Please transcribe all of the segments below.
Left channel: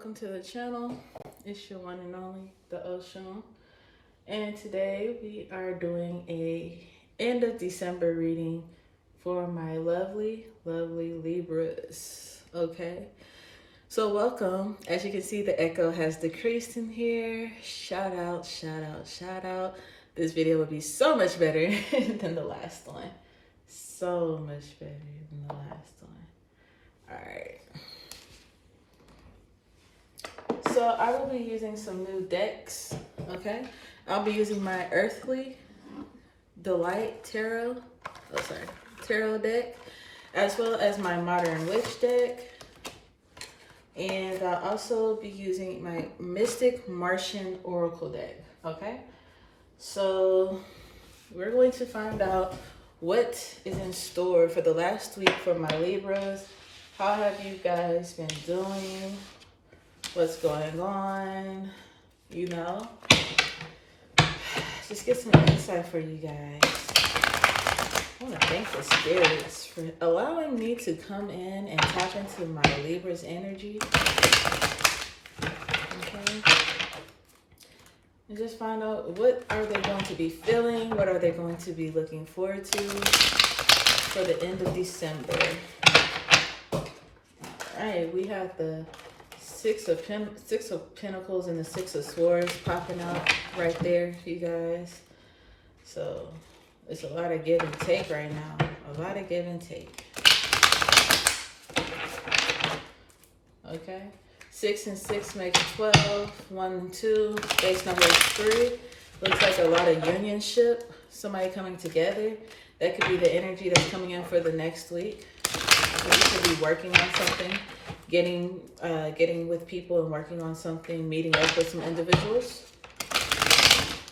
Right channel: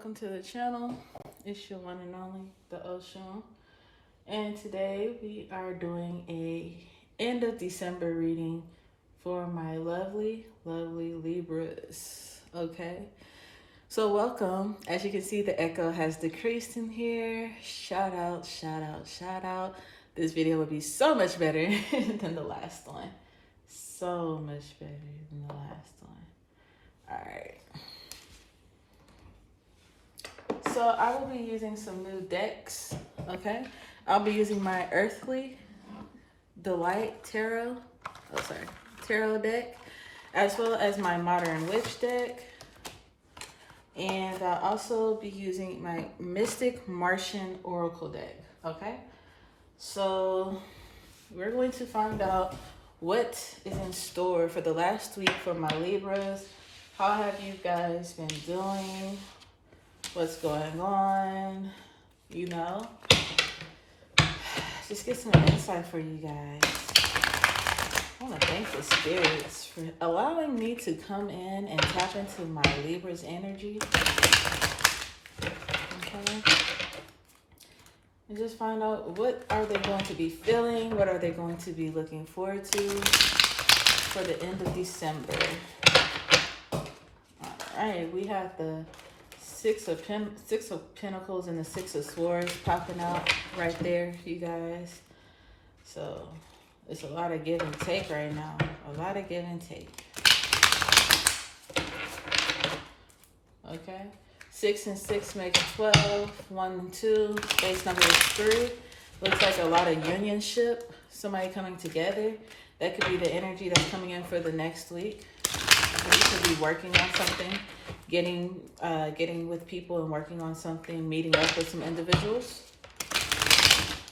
welcome to the channel. It's your one and only, the Ocean. And today we are doing a end of December reading for my lovely Libras. Okay, so welcome. As you can see, the echo has decreased in here. Shout out. This video would be so much better than the last one. So much better than the last one. All right. So I will be using some new decks, okay? I'll be using my Earthly Delight Tarot deck, as well as my Modern Witch deck. And I'll also be using my Mystic Martian Oracle deck, okay? So we're going to find out what is in store for the last week for my Libras. How have you guys been doing? What's going on? You know, just get some insight for you guys. I want to thank the spirits for allowing me to come in and tap into my Libra's energy. Okay. And just find out, what are they going to be feeling? What are they going to be looking forward to for the end of December? All right, we have the Six of Pentacles and the Six of Swords popping out right there, you guys. So it's a lot of give and take right now. A lot of give and take. Okay. 6 and 6 make 12. 1 and 2. Base number is 3. Looks like a lot of unionship. Somebody coming together. That could be the energy that's coming in for the next week. You could be working on something. Getting with people and working on something, meeting up with some individuals.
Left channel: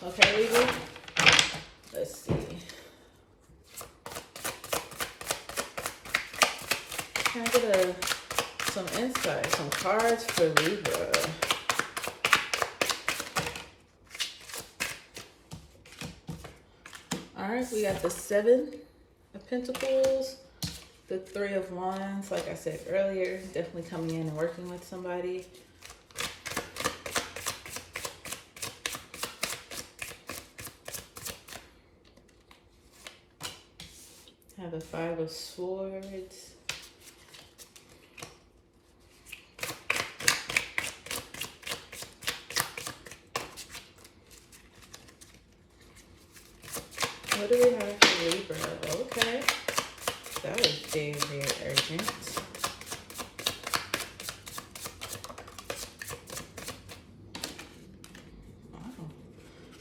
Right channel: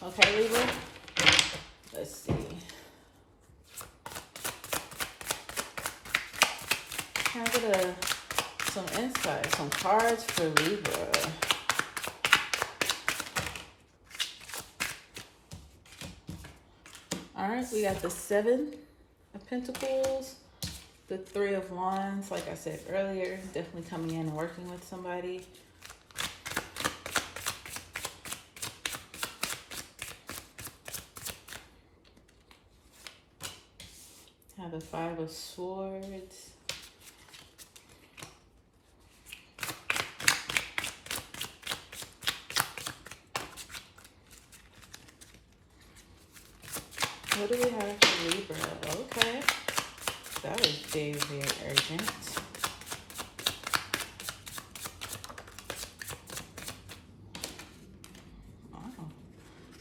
Okay, Libra? Let's see. Can I get some insight, some cards for Libra? All right, we got the 7 of Pentacles. The 3 of Wands, like I said earlier, definitely coming in and working with somebody. Have the 5 of Swords. What do we have for Libra? Okay. That was very urgent. Wow.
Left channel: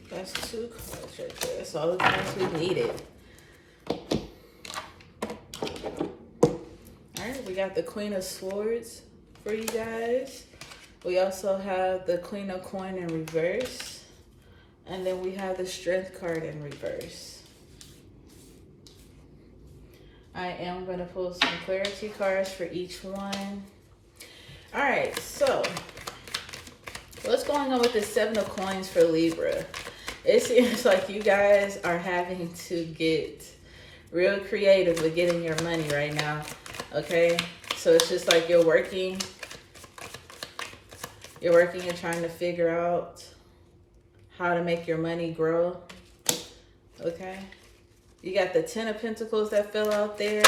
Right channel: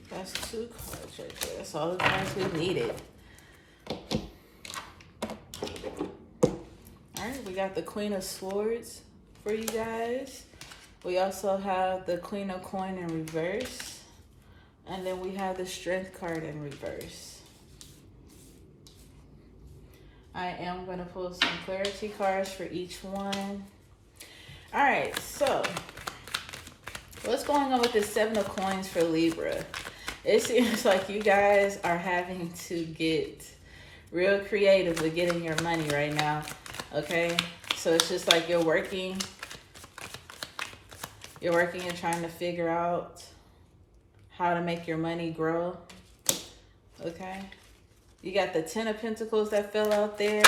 That's 2 cards right there. That's all the cards we needed. Alright, we got the Queen of Swords for you guys. We also have the Queen of Coin in reverse. And then we have the Strength card in reverse. I am going to pull some clarity cards for each one. All right, so what's going on with this 7 of Coins for Libra? It seems like you guys are having to get real creative with getting your money right now, okay? So it's just like you're working and trying to figure out how to make your money grow, okay? You got the 10 of Pentacles that fell out there.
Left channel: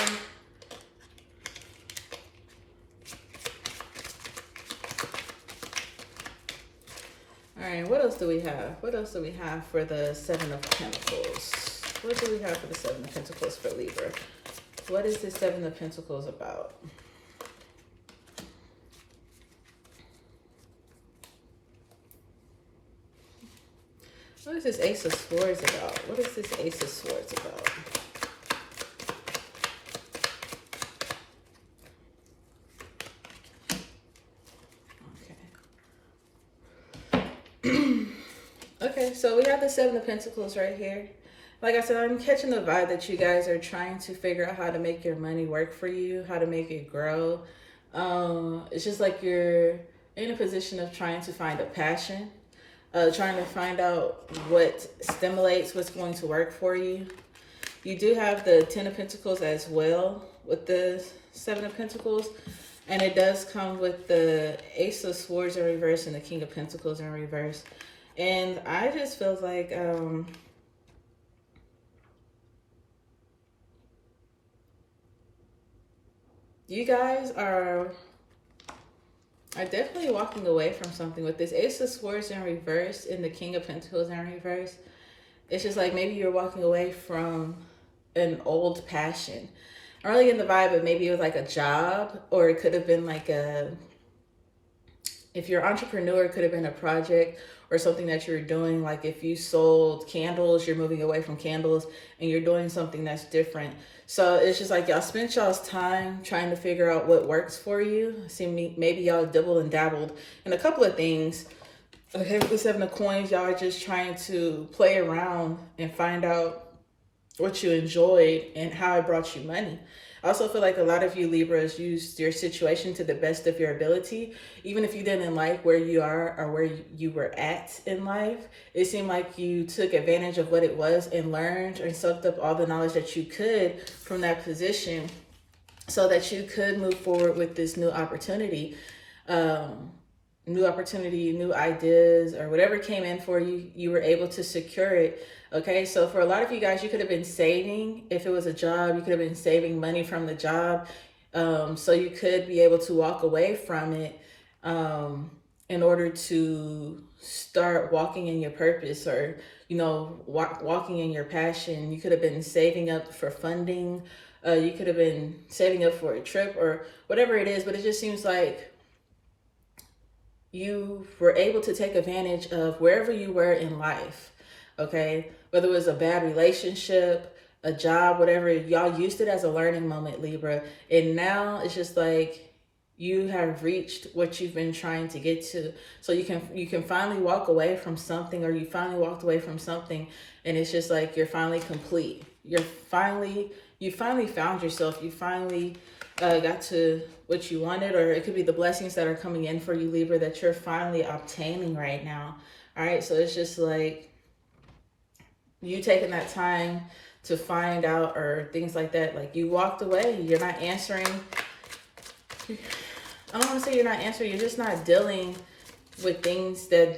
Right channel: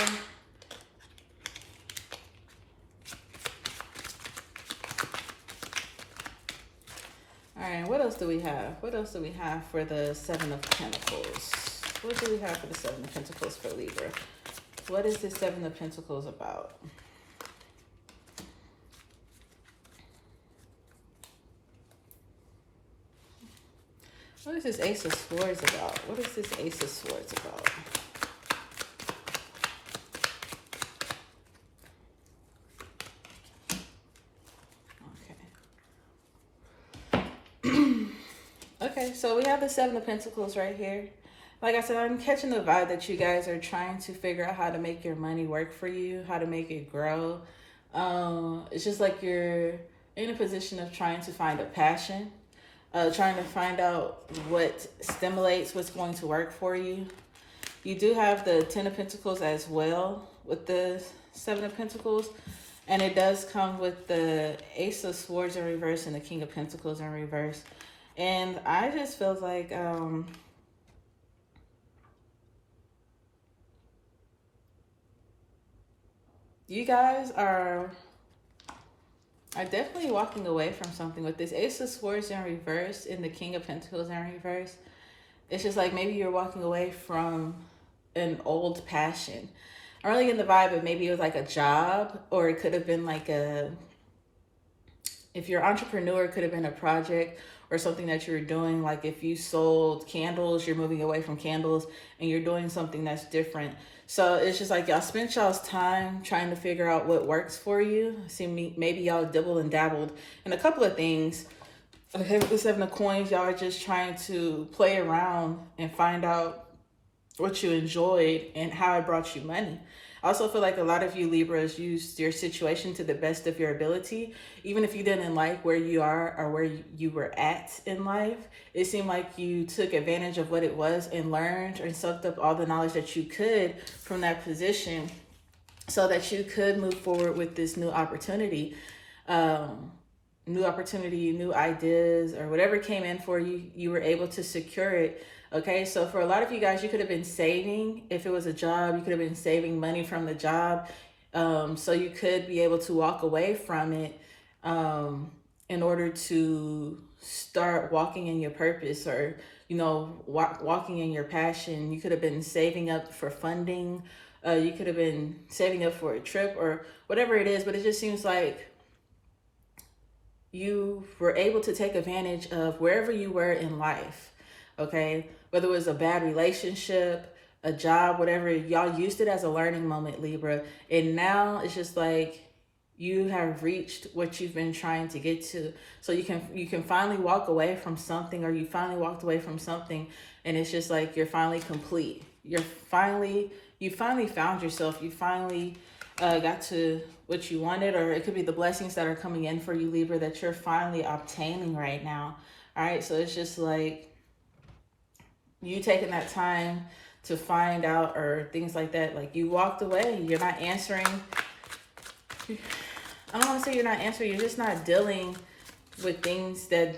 All right, what else do we have? What else do we have for the 7 of Pentacles? What do we have for the 7 of Pentacles for Libra? What is the 7 of Pentacles about? What is this Ace of Swords about? What is this Ace of Swords about? Okay. Okay, so we have the 7 of Pentacles right here. Like I said, I'm catching the vibe that you guys are trying to figure out how to make your money work for you, how to make it grow. It's just like you're in a position of trying to find a passion. Trying to find out what stimulates what's going to work for you. You do have the 10 of Pentacles as well with the 7 of Pentacles. And it does come with the Ace of Swords in reverse and the King of Pentacles in reverse. And I just feel like you guys are definitely walking away from something with this Ace of Swords in reverse and the King of Pentacles in reverse. It's just like maybe you're walking away from an old passion. I'm really in the vibe, but maybe it was like a job, or it could have been like if you're an entrepreneur, it could have been a project or something that you were doing. Like if you sold candles, you're moving away from candles and you're doing something that's different. So it's just like y'all spent y'all's time trying to figure out what works for you. See, maybe y'all dabbled and dabbled in a couple of things. The Seven of Coins, y'all are just trying to play around and find out what you enjoyed and how it brought you money. I also feel like a lot of you Libras used your situation to the best of your ability. Even if you didn't like where you are or where you were at in life, it seemed like you took advantage of what it was and learned and soaked up all the knowledge that you could from that position so that you could move forward with this new opportunity. New ideas, or whatever came in for you, you were able to secure it. Okay, so for a lot of you guys, you could have been saving. If it was a job, you could have been saving money from the job. So you could be able to walk away from it in order to start walking in your purpose, or, you know, walking in your passion. You could have been saving up for funding. You could have been saving up for a trip or whatever it is, but it just seems like you were able to take advantage of wherever you were in life. Okay, whether it was a bad relationship, a job, whatever, y'all used it as a learning moment, Libra. And now it's just like you have reached what you've been trying to get to. So you can finally walk away from something, or you finally walked away from something, and it's just like you're finally complete. You finally found yourself. You finally got to what you wanted, or it could be the blessings that are coming in for you, Libra, that you're finally obtaining right now. All right, so it's just like you taking that time to find out, or things like that. Like you walked away, you're not answering. I don't want to say you're not answering, you're just not dealing with things that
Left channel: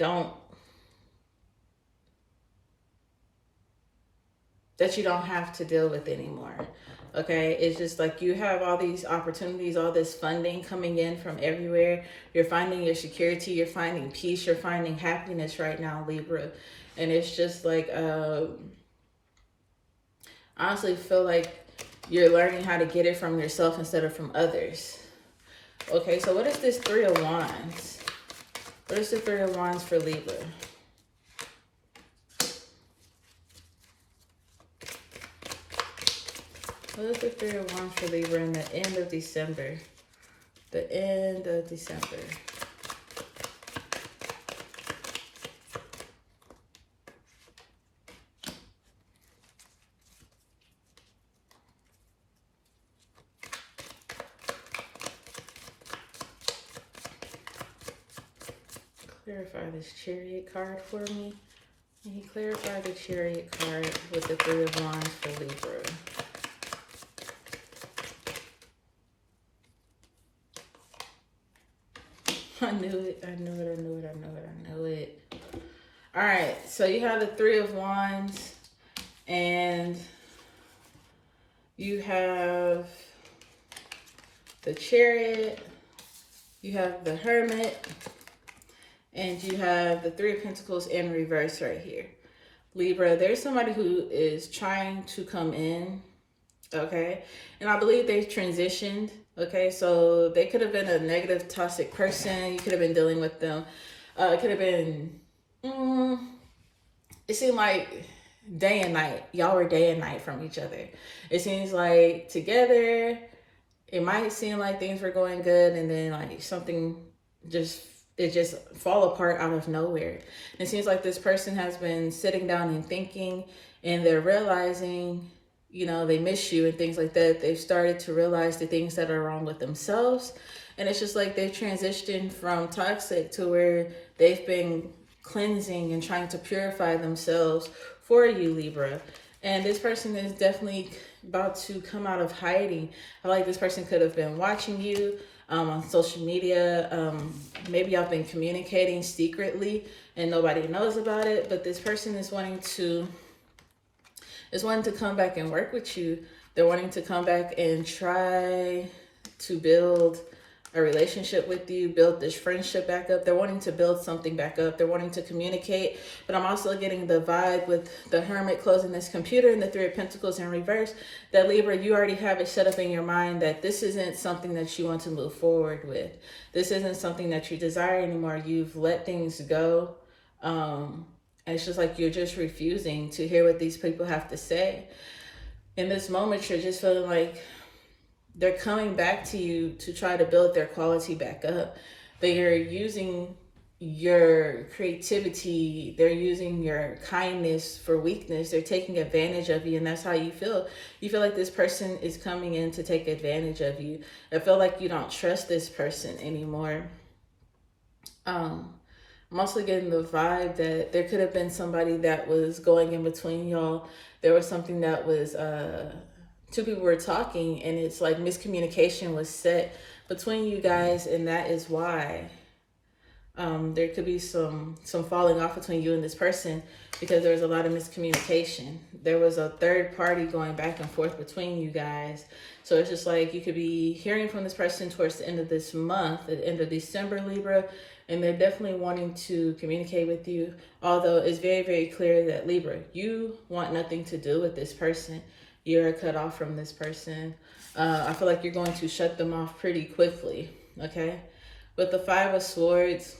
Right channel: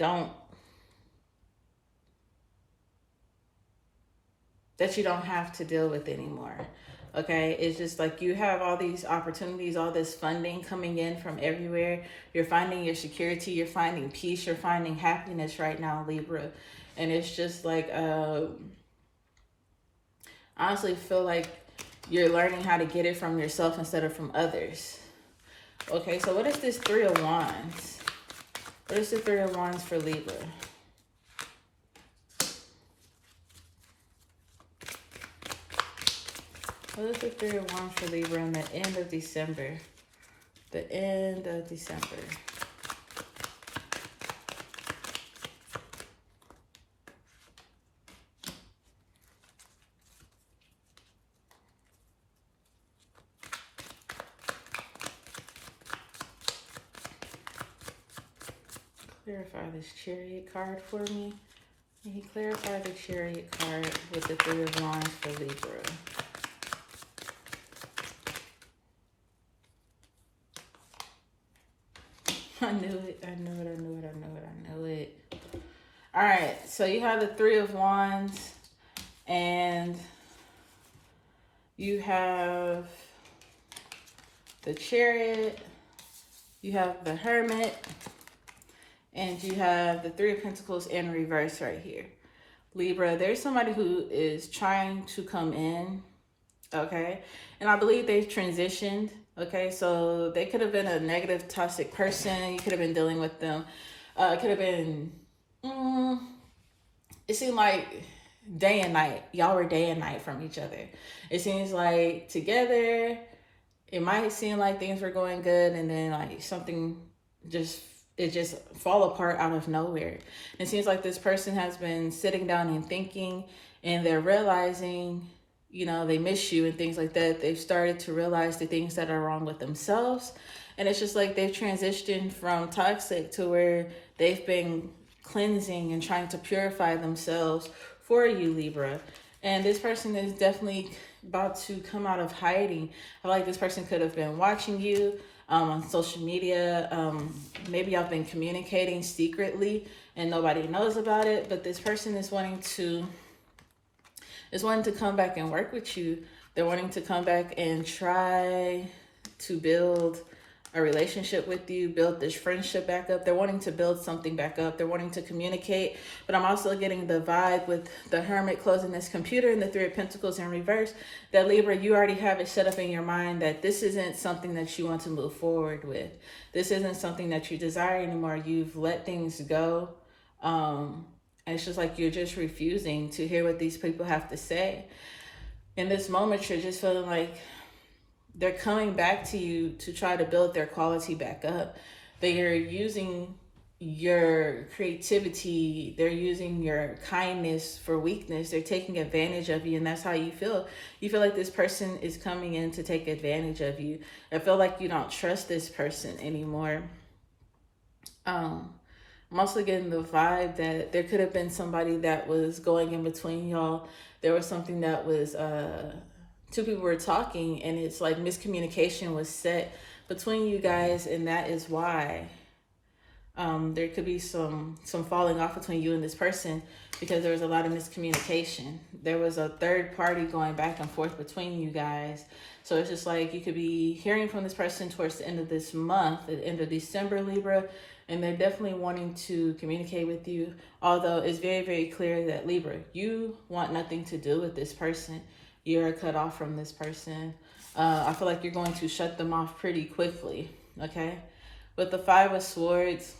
you don't have to deal with anymore. Okay, it's just like you have all these opportunities, all this funding coming in from everywhere. You're finding your security, you're finding peace, you're finding happiness right now, Libra. And it's just like, honestly feel like you're learning how to get it from yourself instead of from others. Okay, so what is this Three of Wands? What is the Three of Wands for Libra? What is the Three of Wands for Libra in the end of December? The end of December. Clarify this Chariot card for me. Can you clarify the Chariot card with the Three of Wands for Libra? I knew it. All right, so you have the Three of Wands, and you have the Chariot, you have the Hermit, and you have the Three of Pentacles in reverse right here. Libra, there's somebody who is trying to come in, okay? And I believe they've transitioned, okay? So they could have been a negative, toxic person. You could have been dealing with them. It could have been, it seemed like day and night. Y'all were day and night from each other. It seems like together, it might seem like things were going good, and then like something just fall apart out of nowhere. It seems like this person has been sitting down and thinking, and they're realizing, you know, they miss you and things like that. They've started to realize the things that are wrong with themselves. And it's just like they've transitioned from toxic to where they've been cleansing and trying to purify themselves for you, Libra. And this person is definitely about to come out of hiding. I feel like this person could have been watching you. on social media. Maybe y'all been communicating secretly and nobody knows about it, but this person is wanting to come back and work with you. They're wanting to come back and try to build a relationship with you, build this friendship back up. They're wanting to build something back up. They're wanting to communicate, but I'm also getting the vibe with the Hermit closing this computer and the Three of Pentacles in reverse, that Libra, you already have it set up in your mind that this isn't something that you want to move forward with. This isn't something that you desire anymore. You've let things go. And it's just like you're just refusing to hear what these people have to say. In this moment, you're just feeling like they're coming back to you to try to build their quality back up. They are using your creativity. They're using your kindness for weakness. They're taking advantage of you, and that's how you feel. You feel like this person is coming in to take advantage of you. I feel like you don't trust this person anymore. I'm also getting the vibe that there could have been somebody that was going in between y'all. There was something that was two people were talking, and it's like miscommunication was set between you guys, and that is why there could be some falling off between you and this person, because there was a lot of miscommunication. There was a third party going back and forth between you guys. So it's just like you could be hearing from this person towards the end of this month, at the end of December, Libra, and they're definitely wanting to communicate with you. Although it's very, very clear that Libra, you want nothing to do with this person. You're cut off from this person. I feel like you're going to shut them off pretty quickly, okay? With the Five of Swords,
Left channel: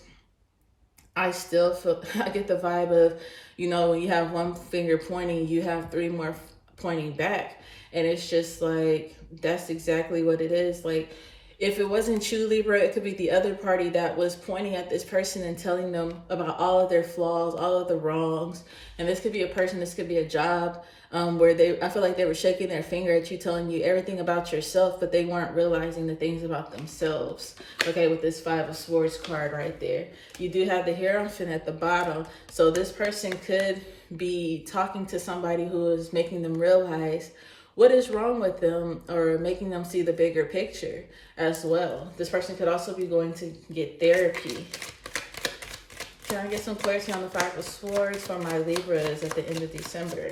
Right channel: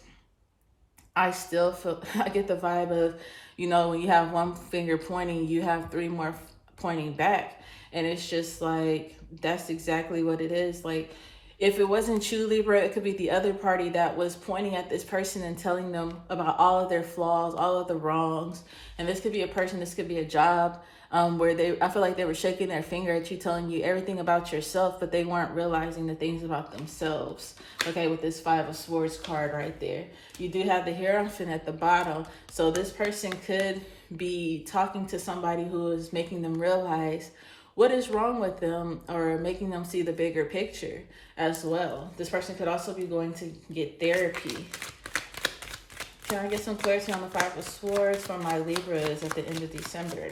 I still feel, I get the vibe of, you know, when you have one finger pointing, you have three more pointing back. And it's just like, that's exactly what it is. Like, if it wasn't you, Libra, it could be the other party that was pointing at this person and telling them about all of their flaws, all of the wrongs. And this could be a person, this could be a job, where I feel like they were shaking their finger at you, telling you everything about yourself, but they weren't realizing the things about themselves. Okay, with this Five of Swords card right there. You do have the Hierophant at the bottom. So this person could be talking to somebody who is making them realize what is wrong with them, or making them see the bigger picture as well. This person could also be going to get therapy. Can I get some clarity on the Five of Swords for my Libras at the end of December?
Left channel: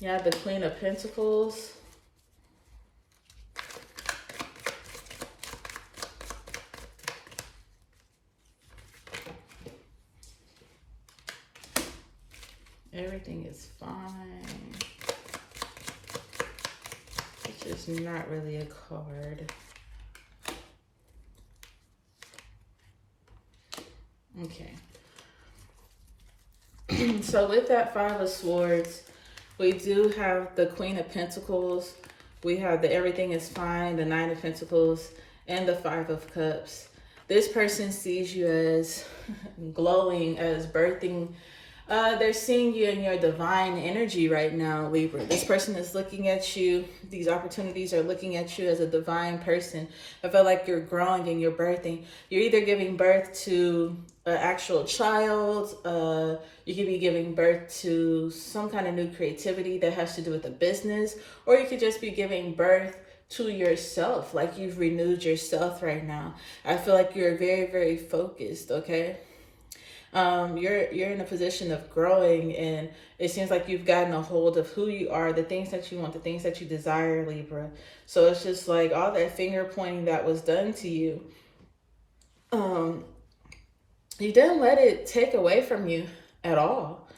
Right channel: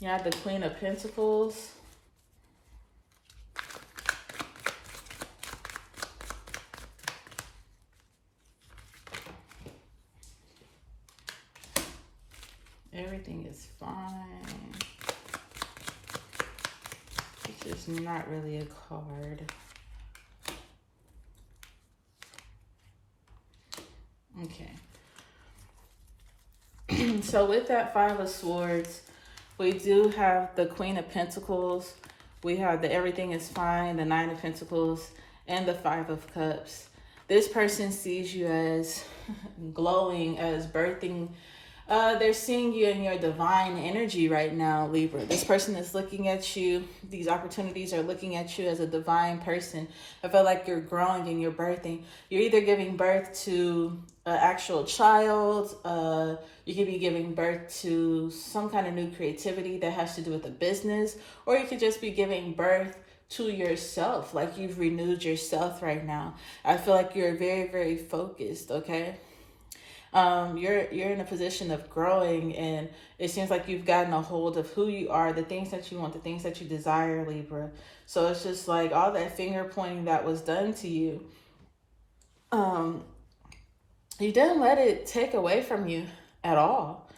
Yeah, the Queen of Pentacles. Everything is fine. It's just not really a card. Okay. So with that Five of Swords, we do have the Queen of Pentacles. We have the Everything is Fine, the Nine of Pentacles, and the Five of Cups. This person sees you as glowing, as birthing. They're seeing you in your divine energy right now, Libra. This person is looking at you. These opportunities are looking at you as a divine person. I feel like you're growing and you're birthing. You're either giving birth to an actual child. You could be giving birth to some kind of new creativity that has to do with a business. Or you could just be giving birth to yourself. Like you've renewed yourself right now. I feel like you're very, very focused, okay? You're in a position of growing, and it seems like you've gotten a hold of who you are, the things that you want, the things that you desire, Libra. So it's just like all that finger pointing that was done to you, you didn't let it take away from you at all.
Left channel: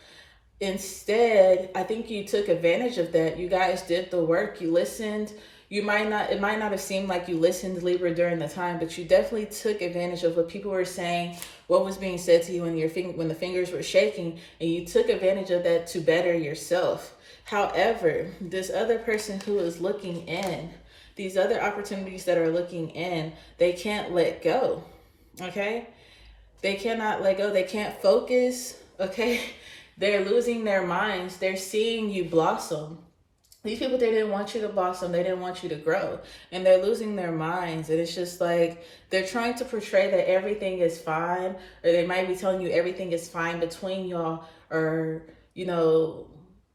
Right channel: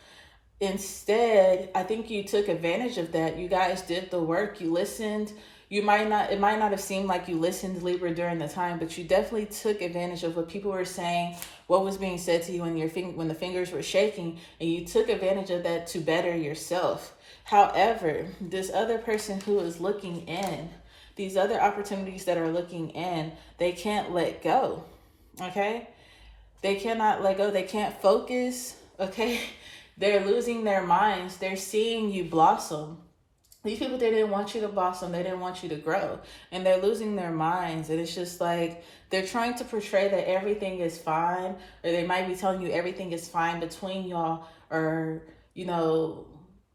Instead, I think you took advantage of that. You guys did the work. You listened. It might not have seemed like you listened, Libra, during the time, but you definitely took advantage of what people were saying, what was being said to you when the fingers were shaking, and you took advantage of that to better yourself. However, this other person who is looking in, these other opportunities that are looking in, they can't let go, okay? They cannot let go. They can't focus, okay? They're losing their minds. They're seeing you blossom. These people, they didn't want you to blossom. They didn't want you to grow. And they're losing their minds. And it's just like they're trying to portray that everything is fine. Or they might be telling you everything is fine between y'all. Or, you know,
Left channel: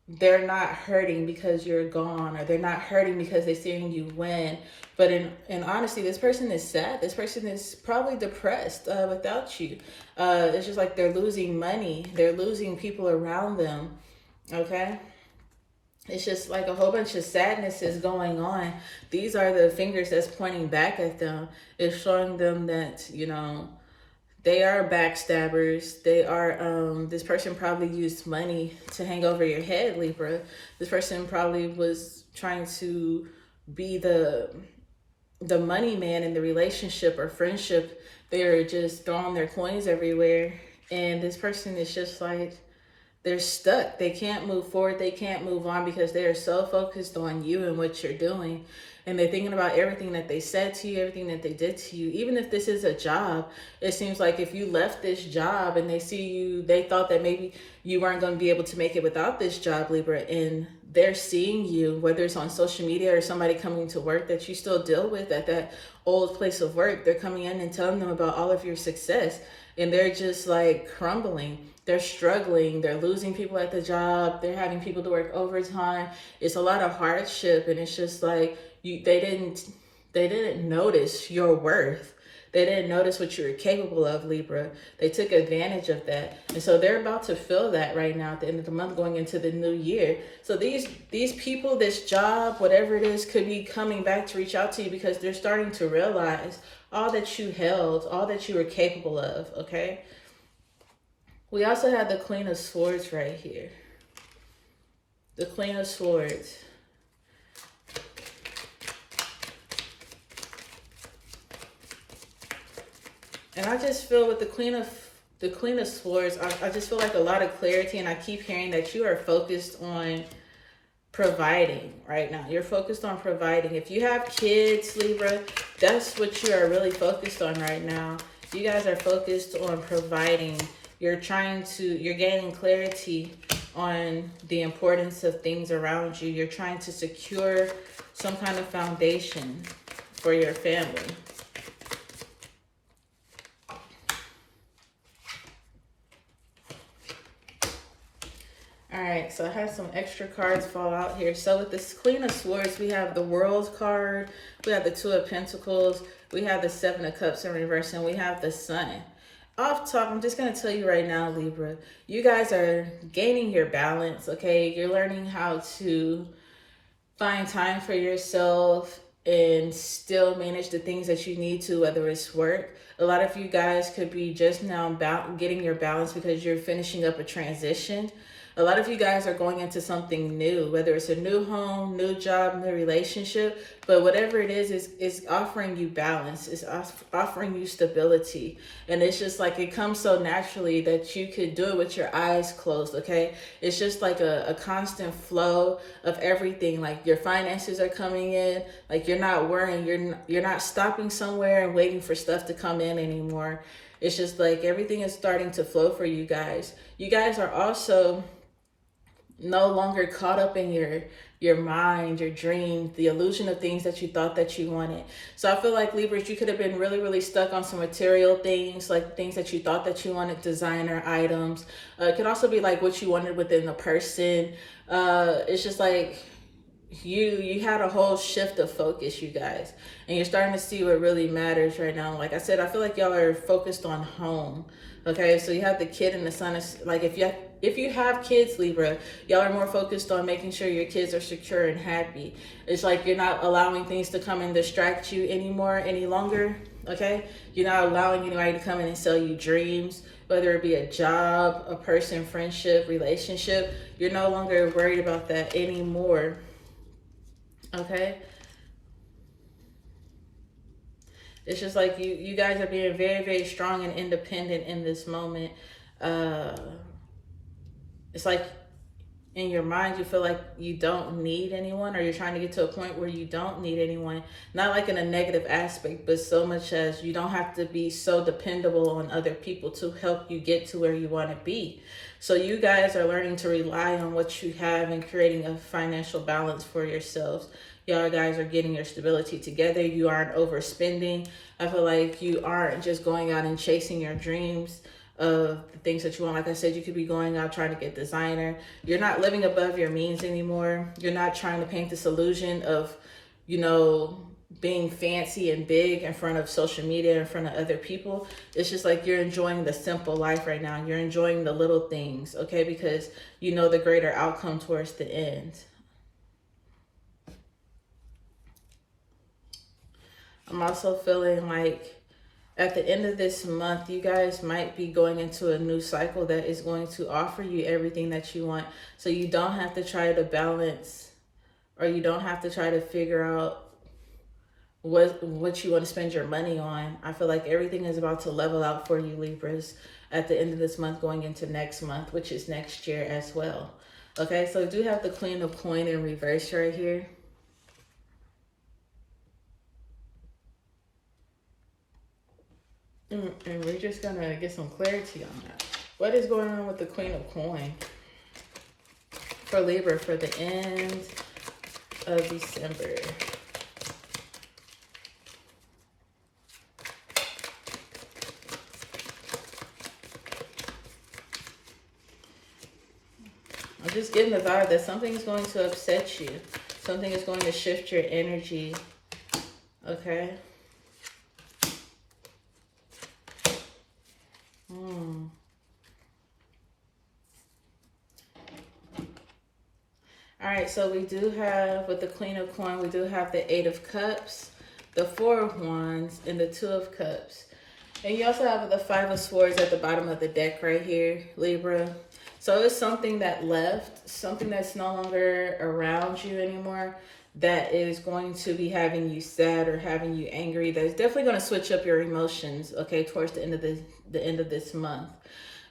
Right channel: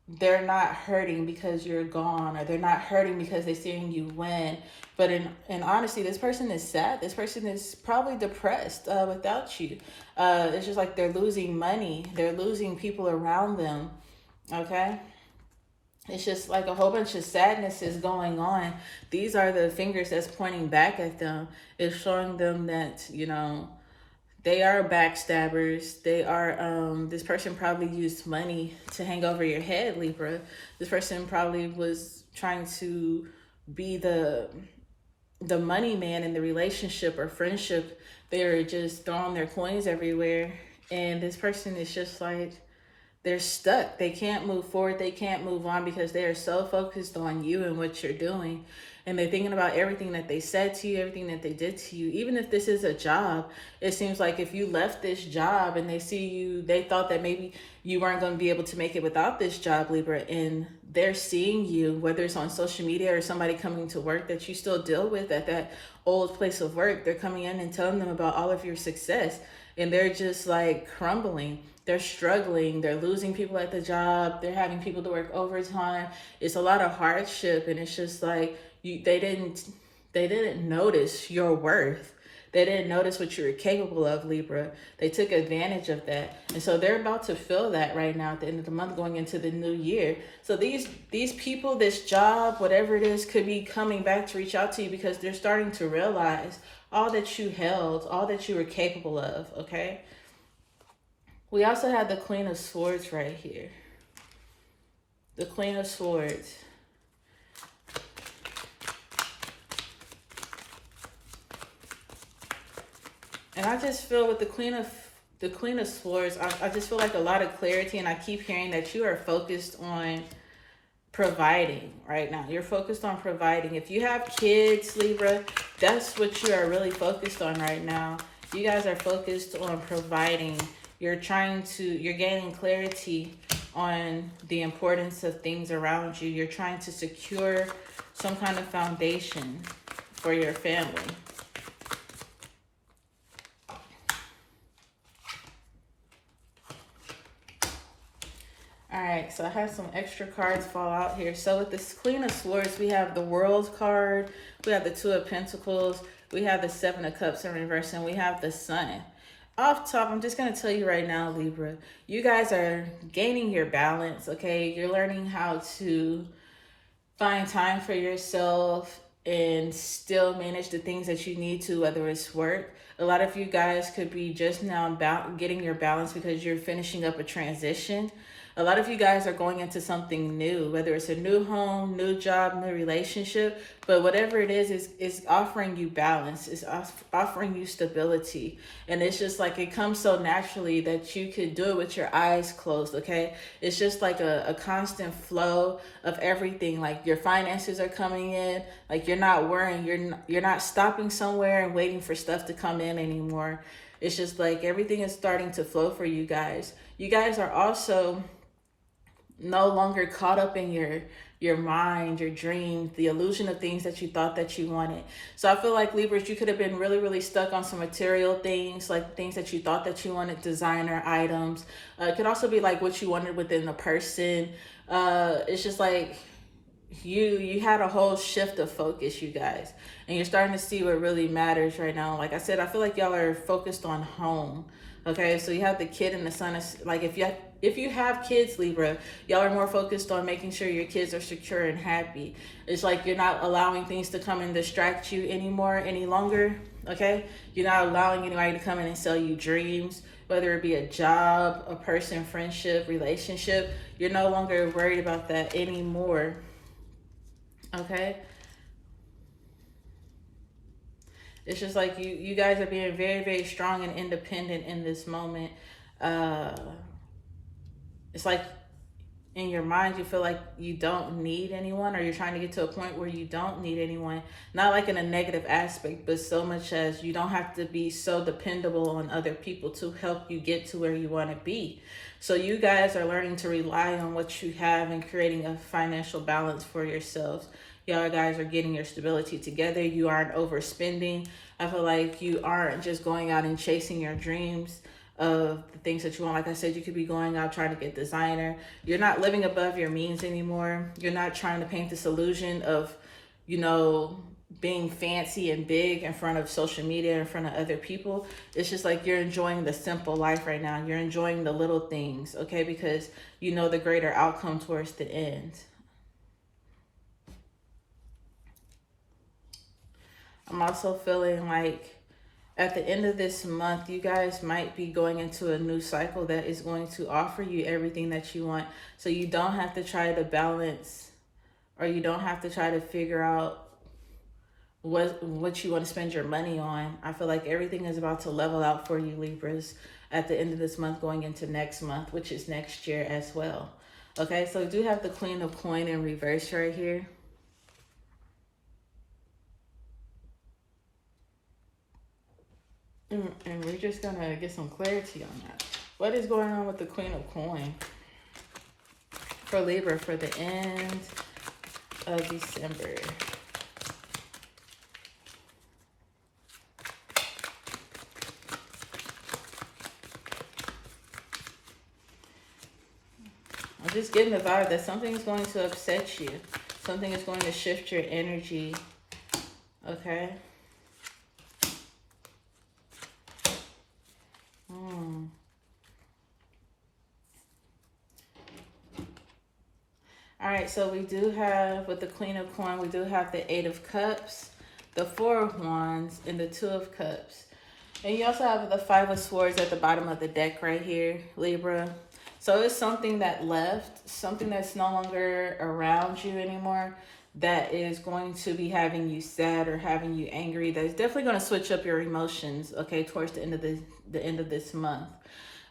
they're not hurting because you're gone, or they're not hurting because they're seeing you win. But in honesty, this person is sad. This person is probably depressed without you. It's just like they're losing money. They're losing people around them. Okay? It's just like a whole bunch of sadness is going on. These are the fingers that's pointing back at them. It's showing them that, you know, they are backstabbers. They are, this person probably used money to hang over your head, Libra. This person probably was trying to be the money man in the relationship or friendship. They were just throwing their coins everywhere. And this person is just like, they're stuck. They can't move forward. They can't move on because they are so focused on you and what you're doing. And they're thinking about everything that they said to you, everything that they did to you. Even if this is a job, it seems like if you left this job and they see you, they thought that maybe you weren't going to be able to make it without this job, Libra. And they're seeing you, whether it's on social media or somebody coming to work that you still deal with at that old place of work. They're coming in and telling them about all of your success. And they're just like crumbling. They're struggling. They're losing people at the job. They're having people to work overtime. It's a lot of hardship. And it's just like, they didn't notice your worth. They didn't notice what you were capable of, Libra. They took advantage of that. And so they're about to feel that right now at the end of the month, going into the new year. So these people, this job, whatever it is, could be coming back to reach out to you because they're starting to realize all that you held, all that you were capable of, okay? We also have the Queen of Swords right here. The Queen of Swords. And I just feel with the Queen of Swords, I just feel like a lot of clarity, and I keep hearing that you are focused on providing right now. You're focused on providing. If you have kids, Libra, that's what you are really focused on right now. You guys are focused on providing. You're gaining clarity on the importance of things around you. You're trying to secure some kind of foundation for your family. All right, so I have some extra cards fall out here. So with this Queen of Swords, we have the World card, we have the Two of Pentacles, we have the Seven of Cups in reverse, and we have the Sun. Off top, I'm just going to tell you right now, Libra, you guys are gaining your balance, okay? You're learning how to find time for yourself and still manage the things that you need to, whether it's work. A lot of you guys could be just now getting your balance because you're finishing up a transition. A lot of you guys are going into something new, whether it's a new home, new job, new relationship, but whatever it is offering you balance, it's offering you stability. And it's just like, it comes so naturally that you could do it with your eyes closed, okay? It's just like a constant flow of everything. Like your finances are coming in, like you're not worrying, you're not stopping somewhere and waiting for stuff to come in anymore. It's just like everything is starting to flow for you guys. You guys are also no longer caught up in your mind, your dreams, the illusion of things that you thought that you wanted. So I feel like Libras, you could have been really, really stuck on some material things, like things that you thought that you wanted, designer items. It could also be like what you wanted within the person. It's just like you had a whole shift of focus, you guys, and you're starting to see what really matters right now. Like I said, I feel like y'all are focused on home. Okay, so you have the kid and the son. Is like if you have kids, Libra, y'all are more focused on making sure your kids are secure and happy. It's like you're not allowing things to come and distract you any longer. Okay, you're not allowing anybody to come in and sell you dreams, whether it be a job, a person, friendship, relationship. You're no longer worried about that anymore. Okay, it's just like you guys are being very, very strong and independent in this moment. It's like in your mind you feel like you don't need anyone, or you're trying to get to a point where you don't need anyone. Not like in a negative aspect, but so much as you don't have to be so dependable on other people to help you get to where you want to be. So you guys are learning to rely on what you have and creating a financial balance for yourselves. Y'all guys are getting your stability together. You aren't overspending. I feel like you aren't just going out and chasing your dreams. of the things that you want. Like I said, you could be going out trying to get designer. You're not living above your means anymore. You're not trying to paint this illusion of, you know, being fancy and big in front of social media, in front of other people. It's just like you're enjoying the simple life right now. You're enjoying the little things, okay? Because you know the greater outcome towards the end. I'm also feeling like at the end of this month, you guys might be going into a new cycle that is going to offer you everything that you want. So you don't have to try to balance, or you don't have to try to figure out what you want to spend your money on. I feel like everything is about to level out for you, Libras, at the end of this month going into next month, which is next year as well. Okay, so I do have the Queen of Coin in reverse right here. And we're just gonna get some clarity on that. What is going on with the Queen of Coin for Libra for the end of December? I'm just getting the vibe that something is going to upset you. Something is going to shift your energy. Okay? All right, so we do have, with the Queen of Coin, we do have the 8 of Cups, the 4 of Wands, and the 2 of Cups. And you also have the 5 of Swords at the bottom of the deck right here, Libra. So it's something that left, something that's no longer around you anymore, that is going to be having you sad or having you angry. That's definitely going to switch up your emotions, okay, towards the end of this month.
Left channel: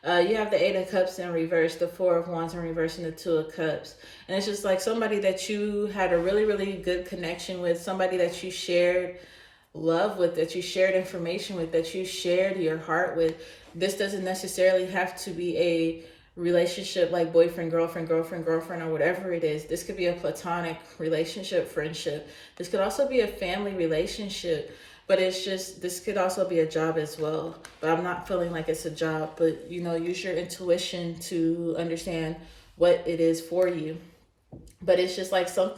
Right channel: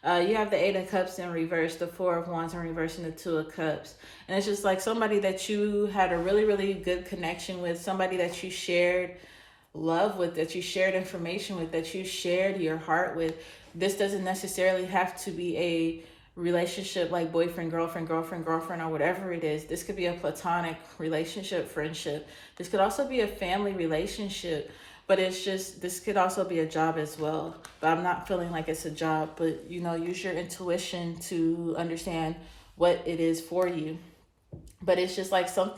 You have the 8 of Cups in reverse, the 4 of Wands in reverse, and the 2 of Cups. And it's just like somebody that you had a really, really good connection with, somebody that you shared love with, that you shared information with, that you shared your heart with. This doesn't necessarily have to be a relationship like boyfriend, girlfriend, or whatever it is. This could be a platonic relationship, friendship. This could also be a family relationship. But it's just, this could also be a job as well. But I'm not feeling like it's a job. But, you know, use your intuition to understand what it is for you. But it's just like some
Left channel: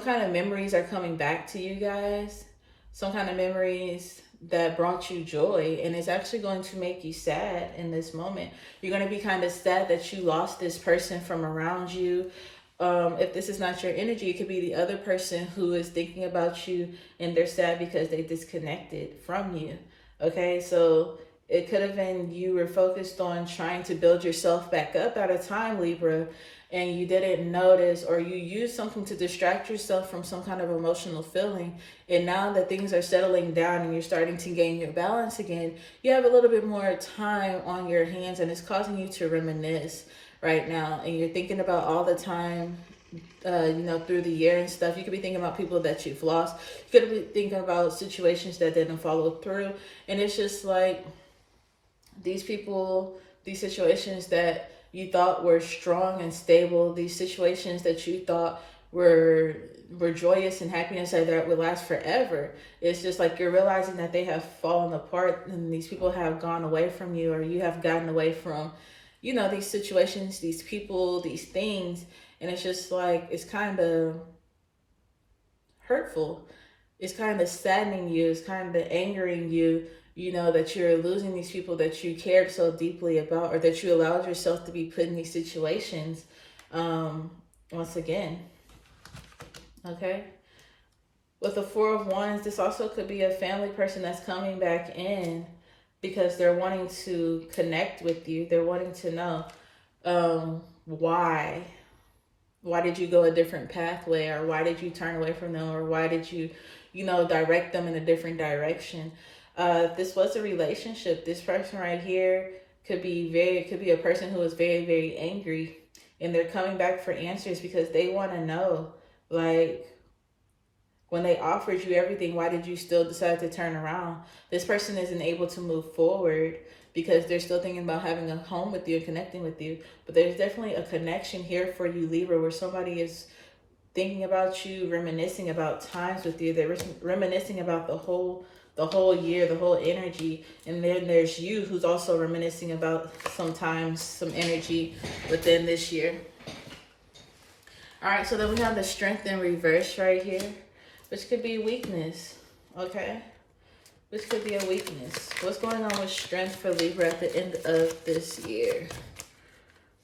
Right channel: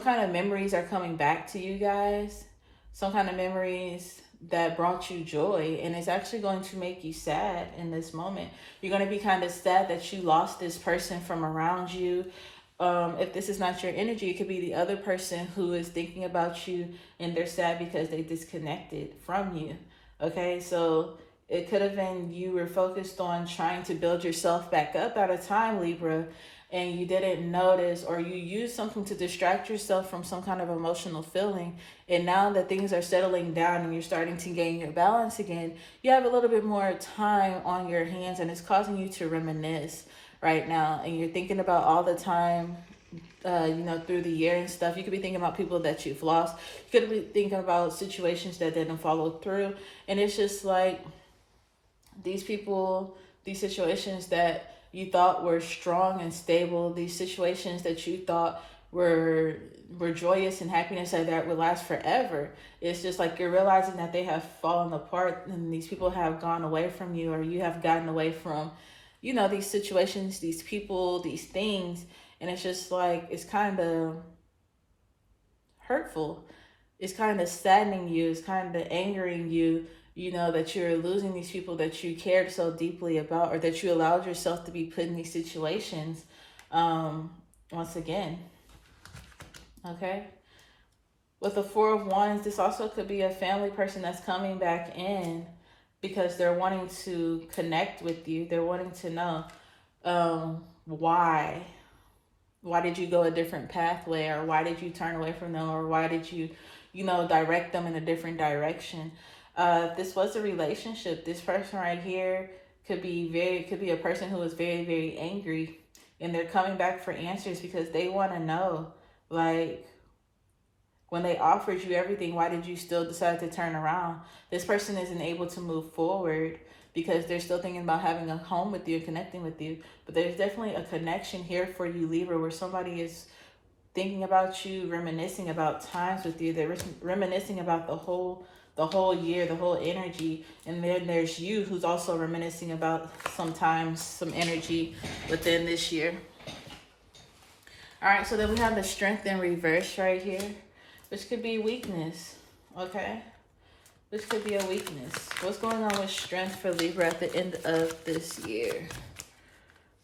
kind of memories are coming back to you guys. Some kind of memories that brought you joy. And it's actually going to make you sad in this moment. You're going to be kind of sad that you lost this person from around you. If this is not your energy, it could be the other person who is thinking about you and they're sad because they disconnected from you. Okay, so it could have been you were focused on trying to build yourself back up at a time, Libra, and you didn't notice, or you used something to distract yourself from some kind of emotional feeling. And now that things are settling down and you're starting to gain your balance again, you have a little bit more time on your hands, and it's causing you to reminisce right now. And you're thinking about all the time, you know, through the year and stuff. You could be thinking about people that you've lost. You could be thinking about situations that didn't follow through. And it's just like these people, these situations that you thought were strong and stable, these situations that you thought were joyous and happiness that would last forever. It's just like you're realizing that they have fallen apart, and these people have gone away from you, or you have gotten away from, you know, these situations, these people, these things. And it's just like, it's kind of hurtful. It's kind of saddening you. It's kind of angering you, you know, that you're losing these people that you cared so deeply about, or that you allowed yourself to be put in these situations once again. Okay. With the 4 of Wands, this also could be a family person that's coming back in because they're wanting to connect with you. They're wanting to know why. Why did you go a different pathway, or why did you turn away from them, or why did you, you know, direct them in a different direction? If this was a relationship, this person right here could be a person who is very, very angry, and they're coming back for answers because they want to know, like, when they offered you everything, why did you still decide to turn around? This person isn't able to move forward because they're still thinking about having a home with you and connecting with you. But there's definitely a connection here for you, Libra, where somebody is thinking about you, reminiscing about times with you. They're reminiscing about the whole year, the whole energy. And then there's you who's also reminiscing about sometimes some energy within this year. All right, so then we have the strength in reverse right here, which could be weakness, okay? Which could be a weakness. What's going on with strength for Libra at the end of this year?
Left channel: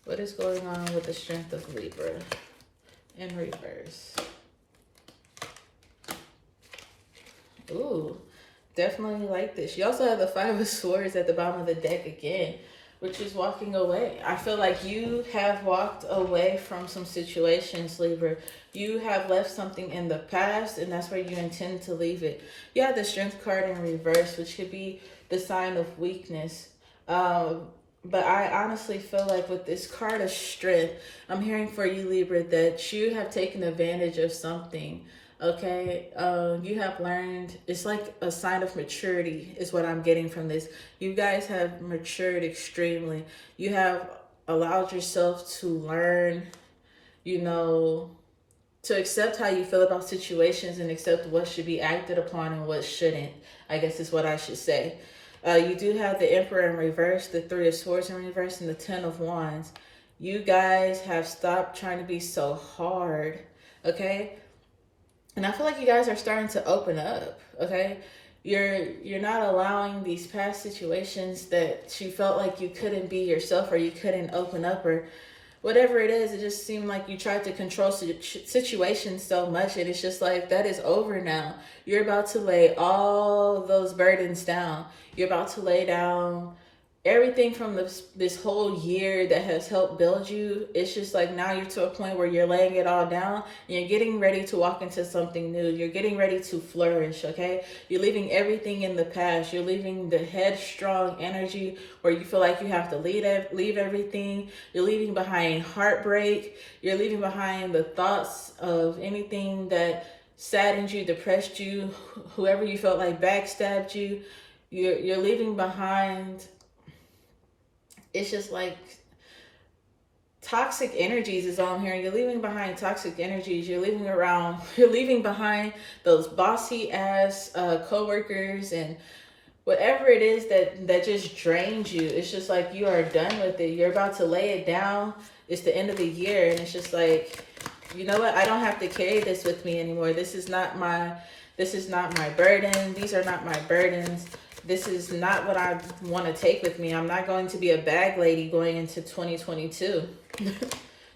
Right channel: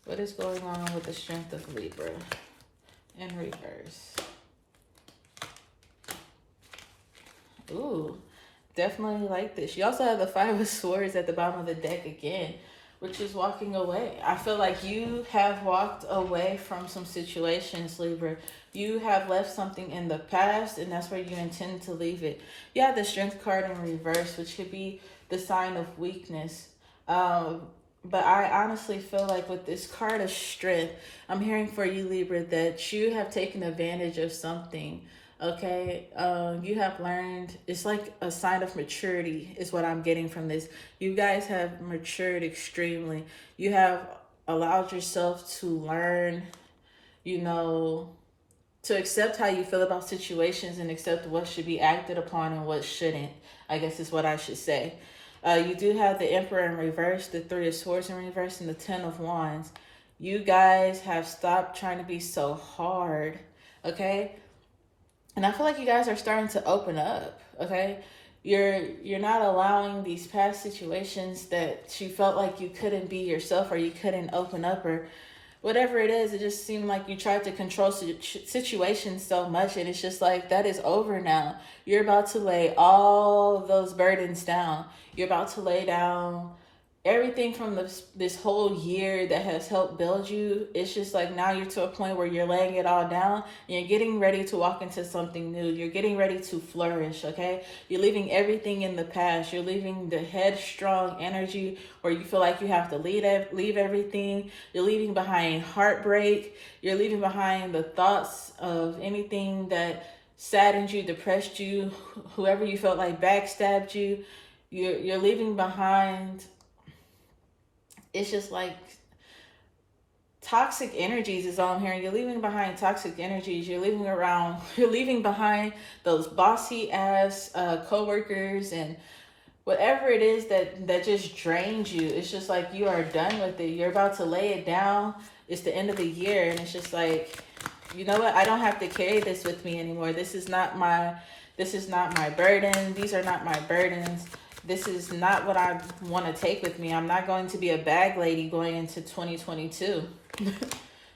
What is going on with the strength of Libra in reverse? Ooh, definitely like this. You also have the Five of Swords at the bottom of the deck again, which is walking away. I feel like you have walked away from some situations, Libra. You have left something in the past, and that's where you intend to leave it. You have the Strength card in reverse, which could be the sign of weakness. But I honestly feel like with this card of strength, I'm hearing for you, Libra, that you have taken advantage of something. Okay, you have learned, it's like a sign of maturity is what I'm getting from this. You guys have matured extremely. You have allowed yourself to learn, you know, to accept how you feel about situations and accept what should be acted upon and what shouldn't, I guess is what I should say. You do have the Emperor in reverse, the Three of Swords in reverse, and the Ten of Wands. You guys have stopped trying to be so hard, okay? And I feel like you guys are starting to open up, okay? You're not allowing these past situations that you felt like you couldn't be yourself or you couldn't open up or whatever it is. It just seemed like you tried to control situations so much, and it's just like, that is over now. You're about to lay all those burdens down. You're about to lay down everything from this whole year that has helped build you. It's just like now you're to a point where you're laying it all down and you're getting ready to walk into something new. You're getting ready to flourish, okay? You're leaving everything in the past. You're leaving the headstrong energy where you feel like you have to leave everything. You're leaving behind heartbreak. You're leaving behind the thoughts of anything that saddened you, depressed you, whoever you felt like backstabbed you. You're leaving behind, it's just like toxic energies is all I'm hearing. You're leaving behind toxic energies. You're leaving behind those bossy ass co-workers and whatever it is that just drains you. It's just like you are done with it. You're about to lay it down. It's the end of the year, and it's just like, you know what? I don't have to carry this with me anymore. This is not my burden. These are not my burdens. This is not what I want to take with me. I'm not going to be a bag lady going into 2022.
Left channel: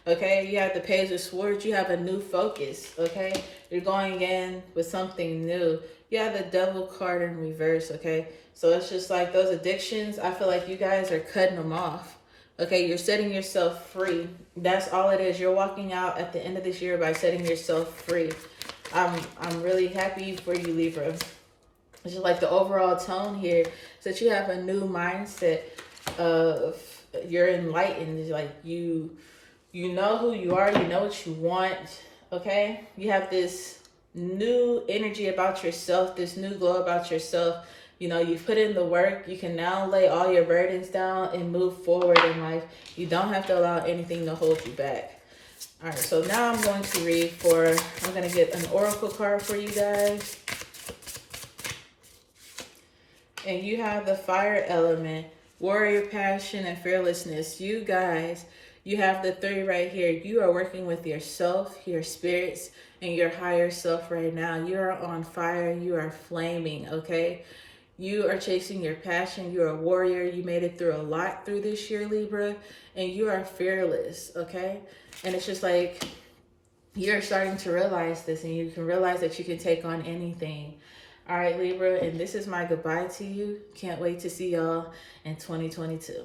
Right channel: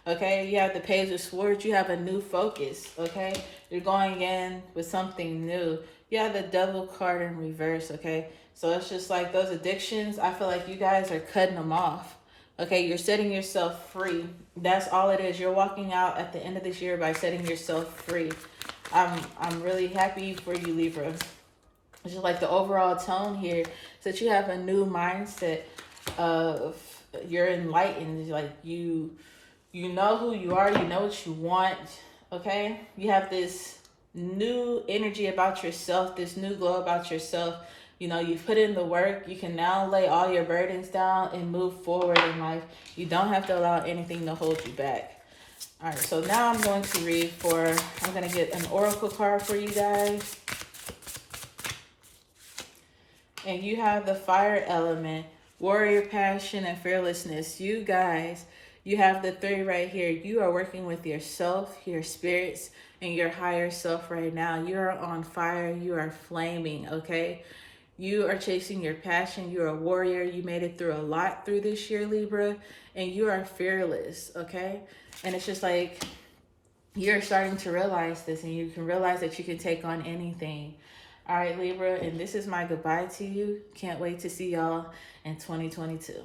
Okay, you have the Page of Swords. You have a new focus, okay? You're going in with something new. You have the Devil card in reverse, okay? So it's just like those addictions, I feel like you guys are cutting them off. Okay, you're setting yourself free. That's all it is. You're walking out at the end of this year by setting yourself free. I'm really happy for you, Libra. It's just like the overall tone here is that you have a new mindset of you're enlightened. Like you know who you are. You know what you want. Okay. You have this new energy about yourself, this new glow about yourself. You know, you've put in the work. You can now lay all your burdens down and move forward in life. You don't have to allow anything to hold you back. All right. So now I'm going to get an oracle card for you guys. And you have the fire element, warrior passion, and fearlessness. You guys, you have the 3 right here. You are working with yourself, your spirits, and your higher self right now. You are on fire. You are flaming, okay? You are chasing your passion. You're a warrior. You made it through a lot through this year, Libra, and you are fearless, okay? And it's just like you're starting to realize this, and you can realize that you can take on anything. All right, Libra, and this is my goodbye to you. Can't wait to see y'all in 2022.